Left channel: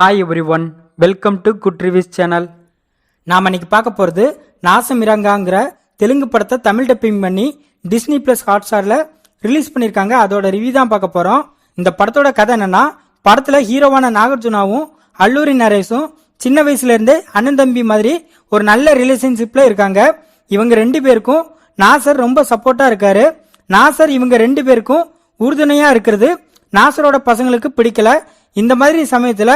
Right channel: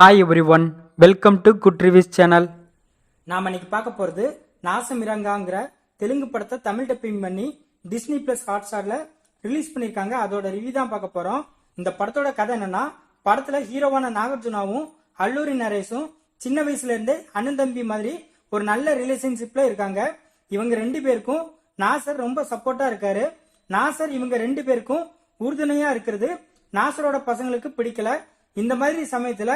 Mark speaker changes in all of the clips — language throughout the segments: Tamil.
Speaker 1: Hi everyone welcome to good reviews channel
Speaker 2: நாம் இன்னைக்கு பார்க்க போகிறது நாசமிரங்காங்கிற தெலுங்கு படத்தை தமிழ் டப்பிங் பண்ணி டிஸ்னி ப்ளஸ் ஹாட்ஸ்டாரில் ரிலீஸ் பண்ணியிருக்காங்க. அதோட ரிவ்யூ தான் பார்க்க போகிறோம் இந்த படத்தோட கதை என்னென்னா படத்தில் ஹீரோவான நாகார்ஜுனாவும் அல்லூரி நரேஷும் சின்ன வயசுலேருந்தே அண்ணன் தம்பி மாதிரி ஒரு நல்ல ரிலேஷன்ஷிப்பில் இருக்காங்க. இவங்க ரெண்டு பேருக்கும் நாசர் ரொம்ப சப்போர்ட்டாக இருக்காரு. நாசர் இவங்க ரெண்டு பேருக்கும் உறுதுணையாக இருக்கிறது. நாசரோட பசங்களுக்கு பிடிக்கல. இந்த மாதிரி சமயத்தில்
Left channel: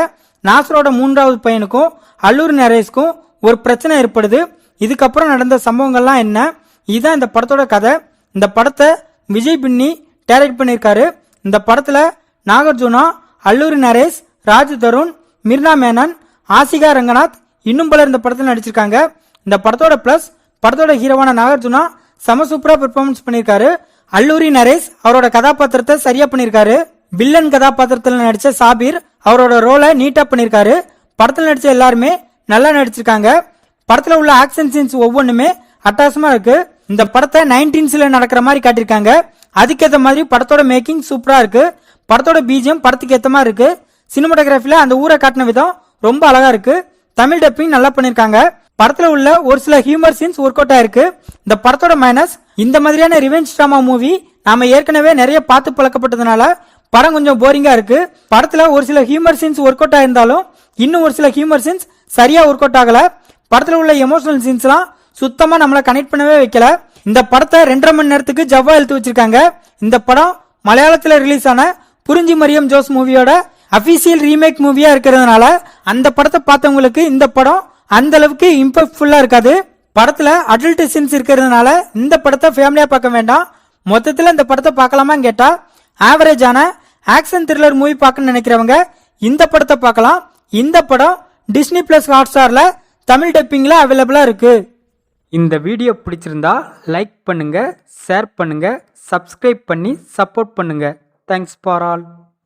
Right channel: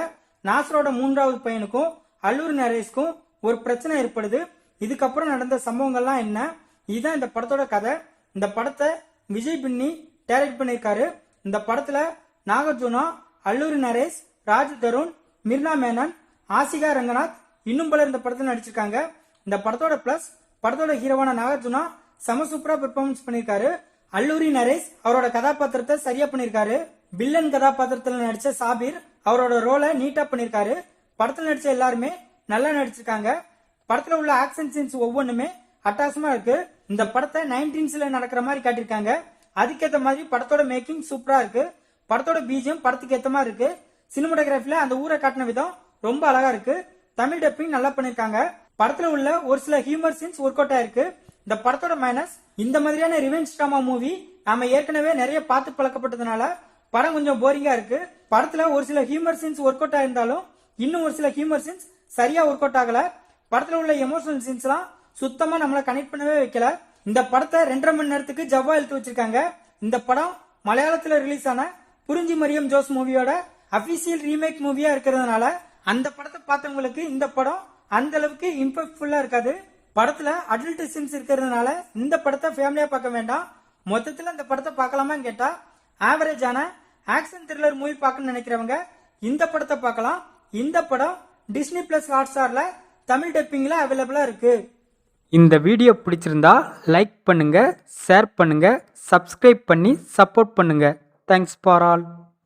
Speaker 2: நாசரோட மூன்றாவது பையனுக்கும் அல்லூர் நரேஷ்க்கும் ஒரு பிரச்சனை ஏற்படுது. இதுக்கப்புறம் நடந்த சம்பவங்கள்லாம் என்ன? இதுதான் இந்த படத்தோட கதை. இந்த படத்தை விஜய் பின்னி டைரக்ட் பண்ணியிருக்காரு. இந்த படத்தில் நாகார்ஜுனா அல்லூரி நரேஷ் ராஜ் தருண் மிர்னா மேனன் ஆசிகா ரங்கநாத் இன்னும் பலர் இந்த படத்தில் நடிச்சிருக்காங்க. இந்த படத்தோட ப்ளஸ் படத்தோட ஹீரோவான நாகார்ஜுனா செம சூப்பரா பெர்ஃபார்மன்ஸ் பண்ணியிருக்காரு. அல்லூரி நரேஷ் அவரோட கதாபாத்திரத்தை சரியா பண்ணியிருக்காரு. வில்லன் கதாபாத்திரத்தில் நடித்த சாபீர் அவரோட ரோலை நீட்டாக பண்ணியிருக்காரு படத்தில் நடித்த எல்லாருமே நல்லா நடிச்சிருக்காங்க. படத்தில் உள்ள ஆக்ஷன் சீன்ஸ் ஒவ்வொன்றுமே அட்டாசமாக இருக்கு. இந்த படத்தை நைன்டீன்ஸில் நடக்கிற மாதிரி காட்டியிருக்காங்க. அதுக்கேற்ற மாதிரி படத்தோட மேக்கிங் சூப்பராக இருக்கு. படத்தோட பீஜியம் படத்துக்கு ஏற்ற மாதிரி இருக்கு. சினிமாட்டோகிராஃபியில் அந்த ஊரை காட்டின விதம் ரொம்ப அழகாக இருக்கு. தமிழ் டப்பிங் நல்லா பண்ணியிருக்காங்க. படத்தில் உள்ள ஒரு சில ஹியூமர் சீன்ஸ் ஒர்க் அவுட் ஆயிருக்கு. இந்த படத்தோட மைனஸ் இந்த மாதிரியான ரிவெஞ்ச் ட்ராமா மூவி நாம ஏற்கனவே நிறைய பார்த்து பழக்கப்பட்டதுனால படம் கொஞ்சம் போரிங்கா இருக்கு. படத்துல ஒரு சில ஹியூமர் சீன்ஸ் ஒர்க் அவுட் ஆயிருந்தாலும் இன்னும் ஒரு சில ஹியூமர் சீன்ஸ் சரியா ஒர்க் அவுட் ஆகல. படத்துல உள்ள எமோஷனல் சீன்ஸ்லாம் சுத்தமா நம்மளை கனெக்ட் பண்ணவே வைக்கல. இந்த படத்தை ரெண்டரை மணி நேரத்துக்கு ஜவ்வா எழுத்து வச்சிருக்காங்க. இந்த படம் மலையாளத்தில் ரிலீஸ் ஆன புரிஞ்சி மரியம் ஜோஸ் மூவியோட அபிஷியல் ரீமேக் மூவியா இருக்கிறதுனால அந்த படத்தை பார்த்தவங்களுக்கு இந்த படம் அந்த அளவுக்கு இம்பாக்ட்ஃபுல்லா இருக்காது. படத்துல அடல்ட் சீன்ஸ் இருக்கிறதுனால இந்த படத்தை ஃபேமிலியா பார்க்க வேண்டாம். மொத்தத்தில் இந்த படத்தை பார்க்கலாமான்னு கேட்டா ஆவரேஜான ஆக்ஷன் த்ரில்லர் மூவி பார்க்கணும்னு நினைக்கிறவங்க இந்த படத்தை பார்க்கலாம். இந்த படம் டிஸ்னி பிளஸ் ஹாட்ஸ்டாரில் தமிழ் டப்பிங்கில் அவைலபிளாக இருக்குது
Speaker 1: இந்த வீடியோ பிடிச்சிருந்தா லைக் பண்ணுங்கள் ஷேர் பண்ணுங்கள் சப்ஸ்கிரைப் பண்ணி சப்போர்ட் பண்ணுங்கள் தேங்க்ஸ் ஃபார் ஆல்